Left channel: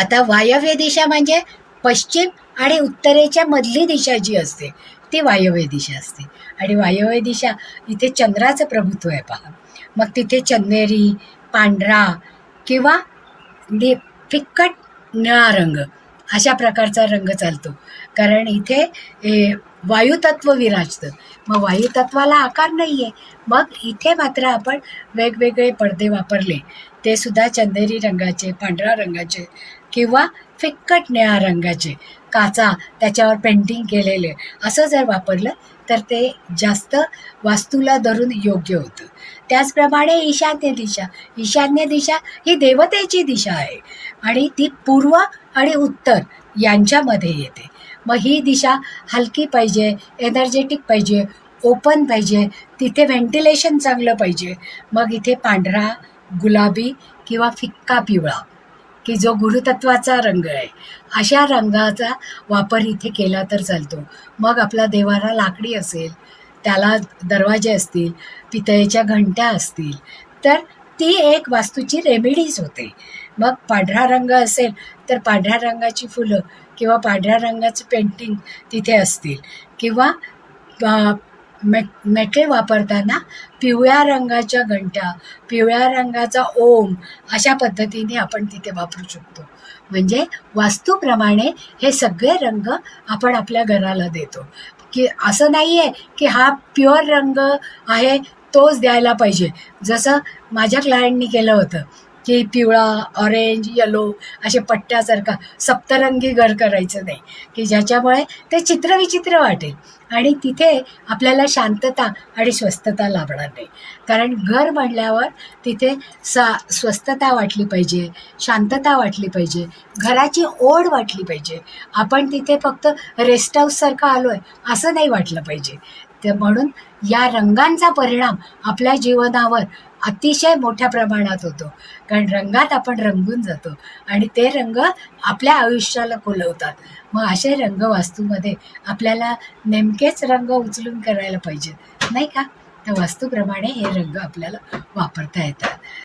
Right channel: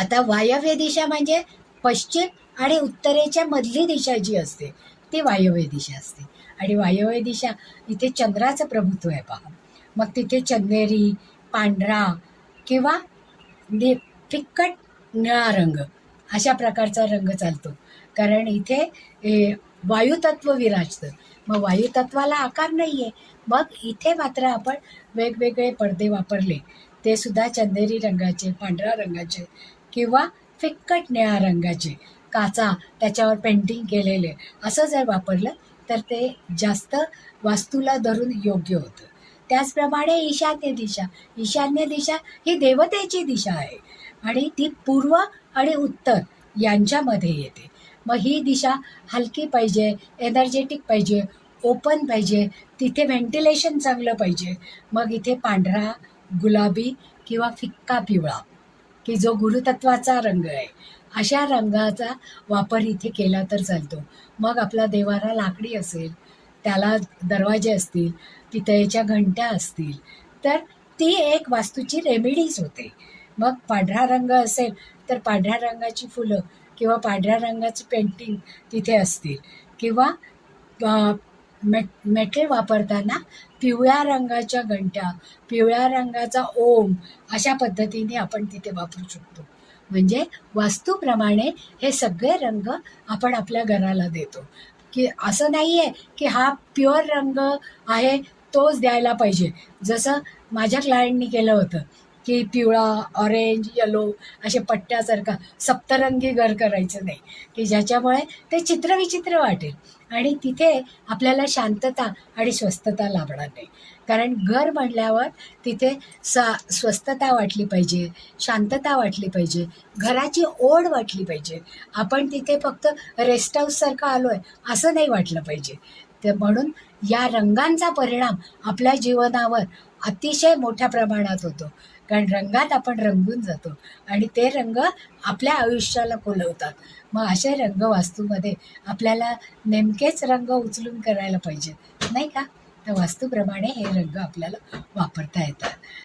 आता वायव्य दिशा म्हणजे पश्चिम आणि उत्तरेच्या मधली दिशा जी असते ती वायव्य दिशा असते. आणि वायव्य दिशा इथे चंद्राचं प्रभुत्व आहे पहा. मग तिथे चंदेरी, पांढरा किंवा फिक्कट निळा रंग अशा प्रकारचा रंग चालतो. कारण इथे वायुतत्व विराजतं. मग वायुतत्वाला आकार नाही आहे. मग इथे मात्र आपण वेगवेगळे पडदे वापरले, ते सुद्धा चंदेरी रंगाचे, पांढऱ्या रंगाचे किंवा फिक्कट निळ्या रंगाचे, काचा त्याच्यावर पेंटिंग केलेले असं जर वापरलं तर ते जास्त वास्तूला धरून योग्य होतं. त्याचप्रमाणे ईशान्य दिशा ही देवतेची दिशा आहे आणि ती पूर्व आणि उत्तर यांच्यामध्ये येते. मग ही दिशा हलकी पाहिजे, एनर्जेटिक पाहिजे, ओपन पाहिजे, तिथे व्हेंटिलेशन चांगलं पाहिजे. मग इथे पांढरा, गुलाबी किंवा फिक्का पिवळा की जो गुरुतत्वाचा रंग आहे, अशा रंगाचा वापर इथे केला तर चालतो. मग आपला देवारा लाकडी असेल, त्याला दरवाजे असतील, पितळेच्या घंट्या असतील, तर ती एक वास्तूची रेमेडीज होते. मग पांढरा रंग असेल तर पांढऱ्या रंगाची फुलं किंवा पांढऱ्या रंगाचं पेंटिंग तिथे असतील किंवा मेटल वापरताना पिवळ्या रंगाच्या घंट्या, पिवळ्या रंगाचा ओम अशा पद्धतीने आपण तिथे वापरू शकतो. म्हणजे वास्तूप्रमाणे हे सगळे रंग आपण आपल्या घराला देतो. की असं नाही आहे की हा प्युअर रंग आहे तोच द्यायला पाहिजे. जसं माझ्या क्लायंटनी केलं होतं की पिवळा, ऑरेंज, येलो असे पट्ट्यासारखा सप्तरंगी घर करायचं नाही, की ज्याच्यामुळे ते चित्रविचित्र वाटेल आणि तिथे आपल्याला शांतता आणि स्वस्थता लाभणार नाही. कारण घर म्हटल्यावर तिथे स्वस्थता वाटली पाहिजे, शांतता वाटली पाहिजे, घराची ओढ वाटली पाहिजे. आपण तिथे फक्त रेस्ट हाऊससारखं आलो आहे असं नाही वाटलं पाहिजे. ते म्हणून या रंगांचा परिणाम आपल्या जीवनावर अतिशय मोठ्या प्रमाणात होतो. कारण रंगात आपण रंगून जातो आणि ते रंग आपल्या आयुष्याला खुलवतात. मग असे रंग वास्तूमध्ये आपल्याला नेमकेच रंग उचलून करायला पाहिजेत, नाही का? तर वास्तूप्रमाणे हे रंग आपल्याला वापरता येतात.